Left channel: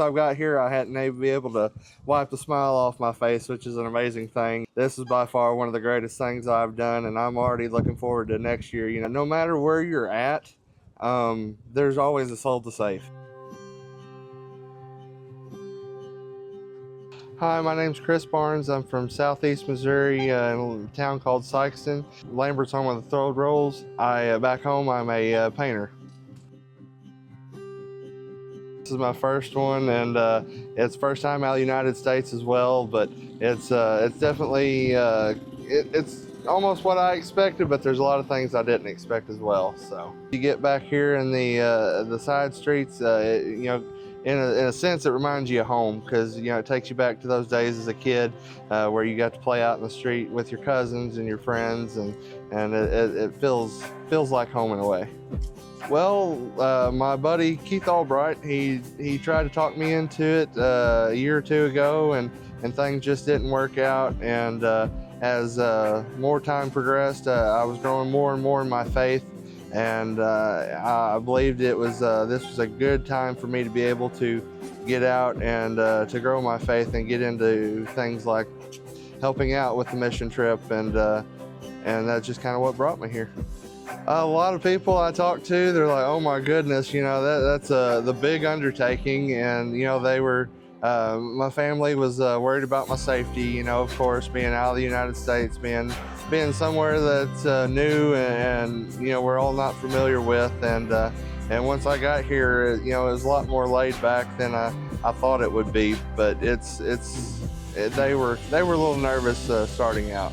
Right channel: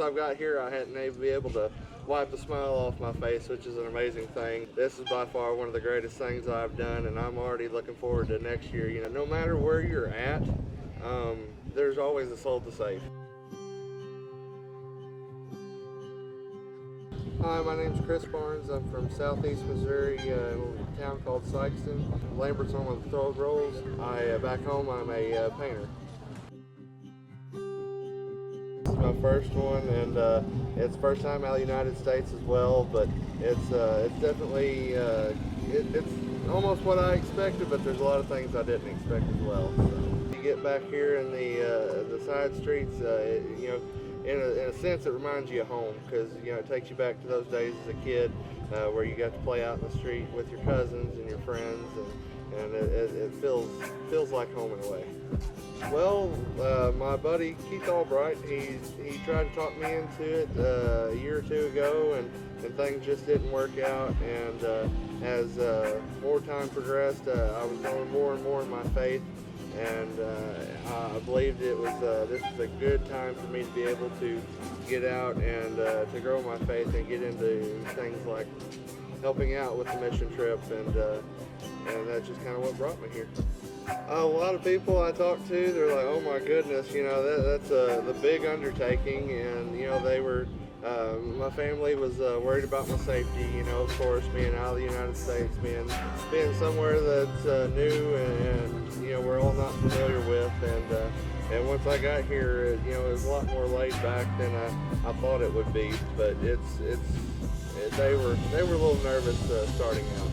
since I've got here, I hadn't been able to wipe the smile off my face, which is an amazing thing. This is by far one of the greatest things I've done, and I'm already looking forward to next year. You know, no matter where you're at, there's always a soul to save. Hi, my name's Chris Barnes. I'm from southeast Missouri, in a town called Sikeston. Lambert's home of the Thrilled Rolls. Back home, I'm a painter. This is my first one, and it's first time out of the United States as well, but it's definitely, it's almost what I expected, but there's a lot of things I didn't expect as well. So you get back here in the side streets, you know, in a sense, it reminds you of home, because you know it takes you back to those days as a kid where you got to play out in the street with your cousins and your friends, and it feels like home in a way. Well, my buddy Keith Albright, he tried to talk me into it a year or two ago, and things just didn't work out. And as more time progressed, I was growing more and more in my faith. And I believed it was this was a good time for me to be able to get out and to grow my faith and get into things like helping out with the mission trip, and that's just kind of what brought me here. A lot of people I talk to, they're like, "Oh my goodness, you know that's the big undertaking," and you know they were. My family was worried about my safety, you know, of course, being out of the United States, being somewhere that's new and you know we're all not familiar with, and once I got here, you know, it was a lot more laid back than I thought it would be. But they were a little nervous starting out.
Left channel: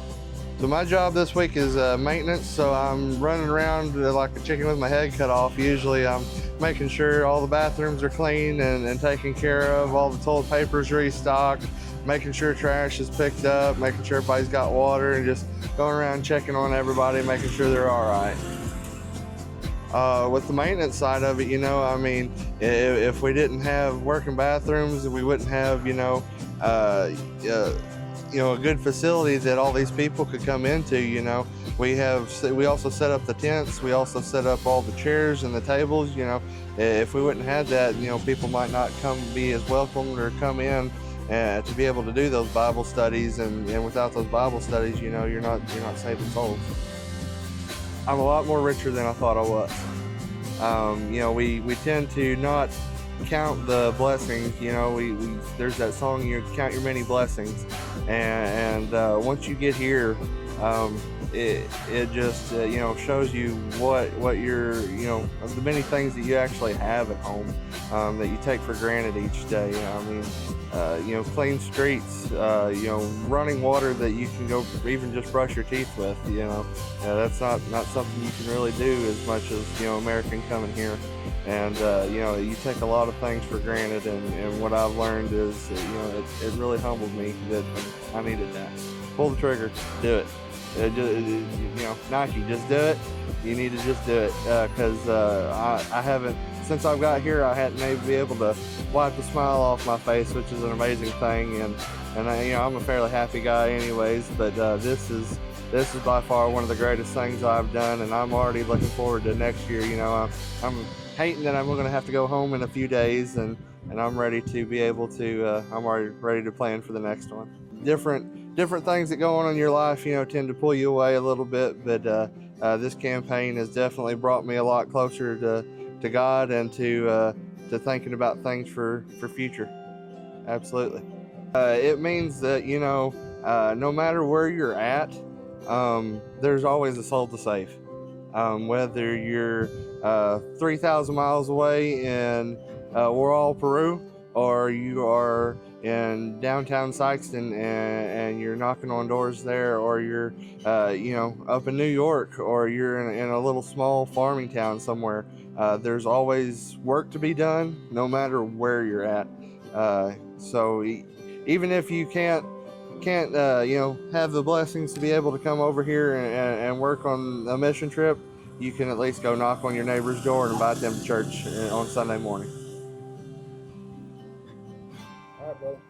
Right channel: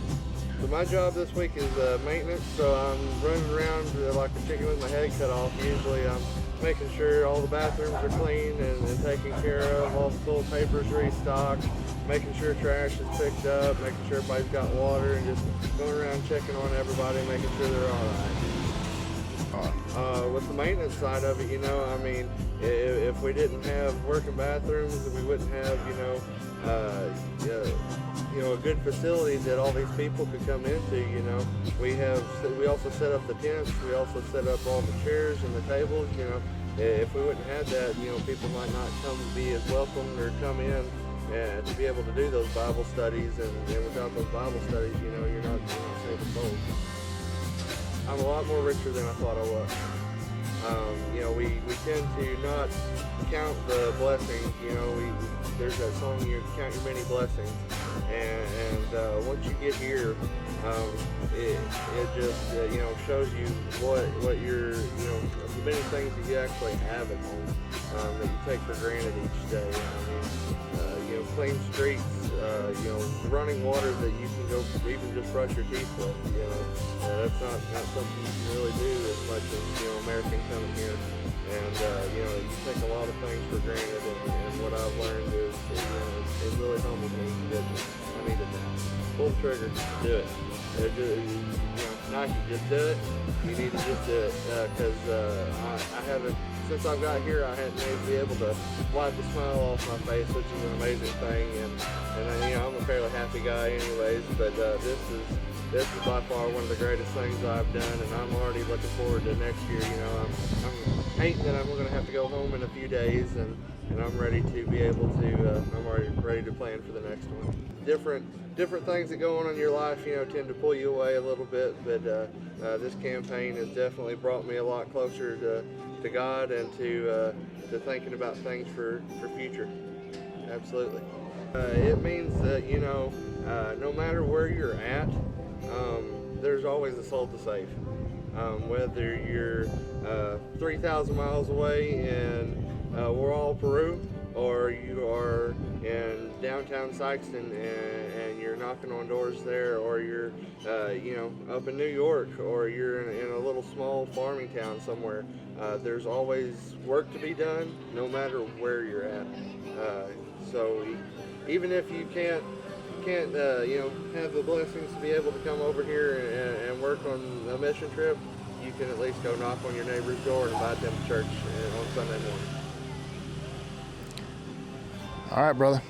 So my job this week is maintenance, so I'm running around like a chicken with my head cut off. Usually I'm making sure all the bathrooms are clean and taken care of, all the toilet paper is restocked, making sure trash is picked up, making sure everybody's got water, and just going around checking on everybody, making sure they're all right. With the maintenance side of it, you know, I mean, if we didn't have working bathrooms, we wouldn't have, you know, a good facility that all these people could come into. You know, we also set up the tents, we also set up all the chairs and the tables. You know, if we wouldn't have that, you know, people might not come be as welcomed or come in to be able to do those Bible studies, and without those Bible studies, you know, you're not saving souls. I'm a lot more richer than I thought I was. You know, we tend to not count the blessings. You know, there's that song, you count your many blessings, and once you get here, it just you know shows you what you're, you know, the many things that you actually have at home that you take for granted each day. I mean, you know, clean streets, you know, running water that you can go even just brush your teeth with. You know, that's not something you can really do as much as, you know, American coming here. And you know, you take a lot of things for granted, and what I've learned is, you know, it really humbled me that I needed that. Pull the trigger, do it. You know, Nike, just do it. You need to just do it, because I haven't, since I've got here, I hadn't been able to wipe the smile off my face, which is an amazing thing. And I, you know, I'm a fairly happy guy anyways, but this is by far one of the greatest things I've done, and I'm already looking forward to next year. You know, I'm hating that I'm going to have to go home in a few days, and I'm ready to be able to, I'm already ready to plan for the next one. Different things that go on in your life, you know, tend to pull you away a little bit, but this campaign has definitely brought me a lot closer to God and to thinking about things for future. Absolutely. It means that, you know, no matter where you're at, there's always a soul to save. Whether you're 3,000 miles away in Huaral, Peru, or you are in downtown Sikeston and you're knocking on doors there, or you're you know, up in New York, or you're in a little small farming town somewhere, there's always work to be done no matter where you're at. So even if you can't you know, have the blessings to be able to come over here and work on a mission trip, you can at least go knock on your neighbor's door and invite them to church on Sunday morning. All right, brother.